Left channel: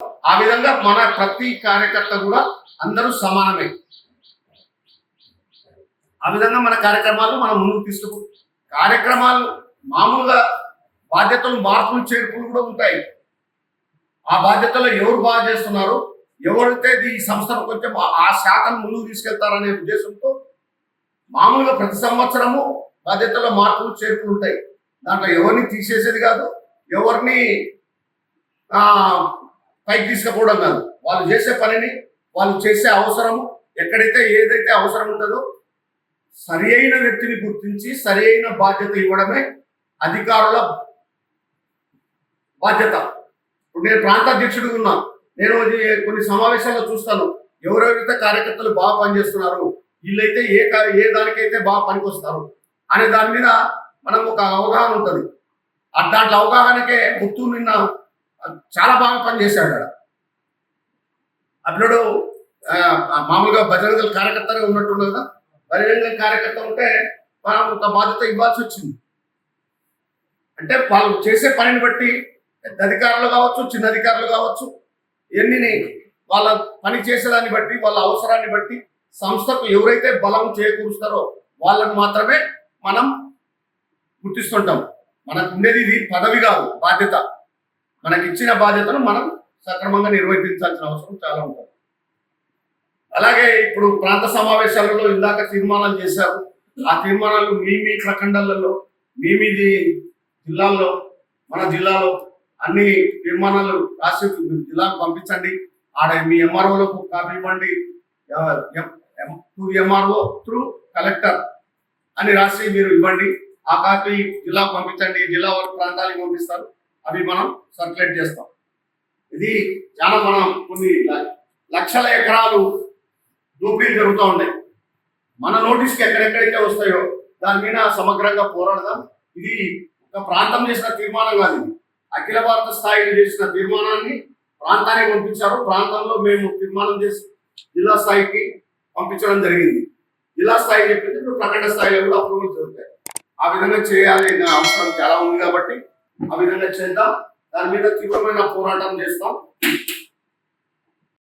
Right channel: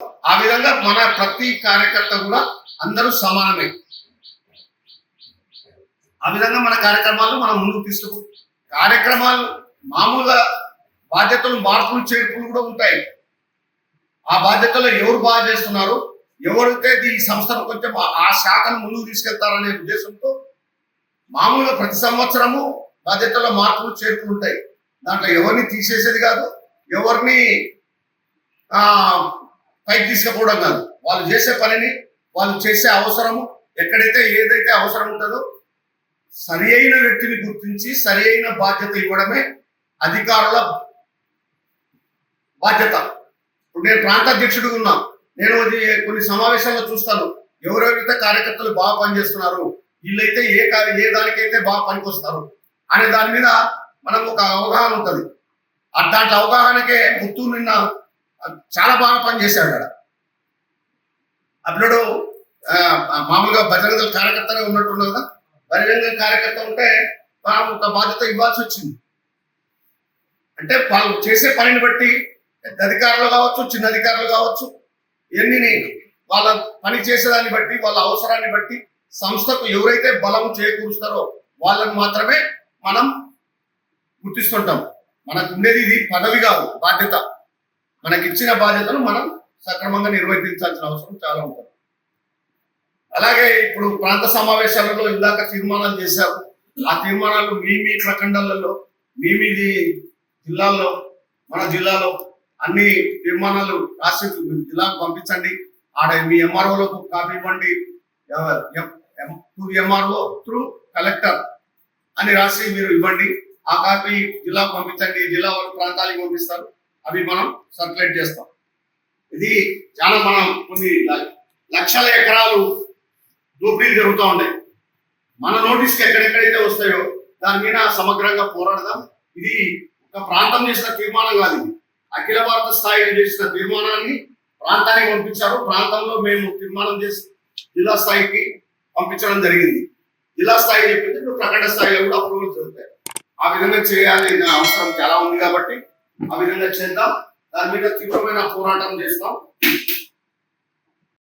ఆ విధంగా మన ప్రతి కార్యకర్త కూడా అందరూ సమానమే. ఆ విధంగా మన కార్యక్రమాలు మనం ముందుకు తీసుకు కార్యక్రమాలు మామూలుగా బాధ్యతలు మార్పులు చేర్పులు కూడా ఉంటాయి. ఆ బాధ్యతలో ఎవరు బాగా చేస్తున్నారు, ఎవరైతే ఈ సంస్థను కొంచెం ఆ శాఖను ముందుకు తీసుకెళ్తారనే ఉద్దేశంతో మామూలుగా ప్రతి సంవత్సరము బాధ్యతలో మార్పులు చేర్పులు ఉంటాయి. దాంట్లో ఎవరిని తీసేసేది కాదు, ఎవరిని పైకి తీసుకుపోవడం కాదు. వాళ్ళు చేసే పనిని, వాళ్ళు చేసే అవసరము ఎక్కడైతే ఏదైతే అవసరం ఉంటుందో సరి అయిన వ్యక్తిని గుర్తించి సరి అయిన బాధ్యత ఇవ్వడమే అధికారుల బాధ్యత. ఇప్పుడు నేను ప్రాంత అధ్యక్షుడిగా ఉన్నా, నేను కొన్ని సమావేశాల్లో చూస్తాను ఎవరెవరైతే కార్యకర్తలు బాగా పనిచేస్తున్నారు, వీళ్ళైతే ఏ దానికైతే బాగా పనికొస్తారు అనే దాని మీద మనం ఒక అవగాహన ఉంటుంది. దాంట్లో అవగాహనకే పుత్తూరు నిన్న చాలా బాగా పనిచేశాడు. అక్కడ అప్పుడు మామూలుగా బజరంగ కార్యకర్తగా ఉన్నట్టున్నది కదా, బహిరంగ కార్యకర్త ఉంటే మనం ఒక బాధ్యత ఇవ్వాల్సి వచ్చింది. అంటే వాళ్ళు చేసే పనిని బట్టి పెద్ద అధికారులు కావచ్చు, చిన్న అధికారులు కావచ్చు, ఎన్ని వాళ్ళ పని చేసేదాన్ని బట్టి, వాళ్ళ అవసరాన్ని బట్టి సంస్థకు ఎవరైతే బలం చేకూరుస్తారో వాళ్ళకు మాత్రమే మనం గుర్తిస్తుంటాం. మనకు ఉండేది ఇది పదవి కాదు, బాధ్యత. మనకి ఇచ్చిన బాధ్యతను మనం సక్రమంగా నిర్వర్తించాల్సిన అవసరం చాలా ఉంటుంది. అలాగే ఇప్పుడు ప్రాంత సమావేశాలలో ఇందాక తీర్మానాలు చేశారు. ఆ తీర్మానాలు మీ ప్రఖండాలలో మీ జిల్లాల్లో, మన జిల్లాలో అన్ని తీర్మానాలు రాసి జిల్లాకు పంపించండి. ఆడ మీ ఎంఆర్ఓలకు కాపీ ఇవ్వండి, ఎంఆర్ఓ త్రూ కలెక్టర్ అని రాసి మీరు ఇవ్వండి. ఆ కాపీ జిల్లాకు పంపించండి, జిల్లా వరకు ప్రాంతాలకు పంపిస్తారు, అవి మనం సర్క్యులేట్ చేస్తాం. ఇది చాలా మనం కొన్ని లక్షల ఎకరాలు దోపిడీలు జరుగుతూ ఉన్నాయి. మన నోటీస్కి ఎక్కడెక్కడైతే వస్తాయో దాని మీద సమగ్రంగా పోరాడదాం. ఇది ఒక ప్రాంతం చేసిన తీర్మానం కాదు, ఇది అఖిల భారత స్థాయిలో చేసిన తీర్మానాన్ని ప్రాంతానికి పంపించారు. ప్రాంతంలో మేము తీర్మానం చేసి జిల్లా స్థాయికి పంపించడం జరిగింది. జిల్లా స్థాయి చెప్పింది, ఇప్పుడు ప్రకటన స్థాయిలో కూడా అప్రూవల్ జరుగుతాయి. ఆ విధంగా చేయాలి అవసరం చాలా ఉంది కాబట్టి ఆ విధంగా చేద్దాం. దాని మీద తీవ్రమైన పోరాటం చేస్తాం.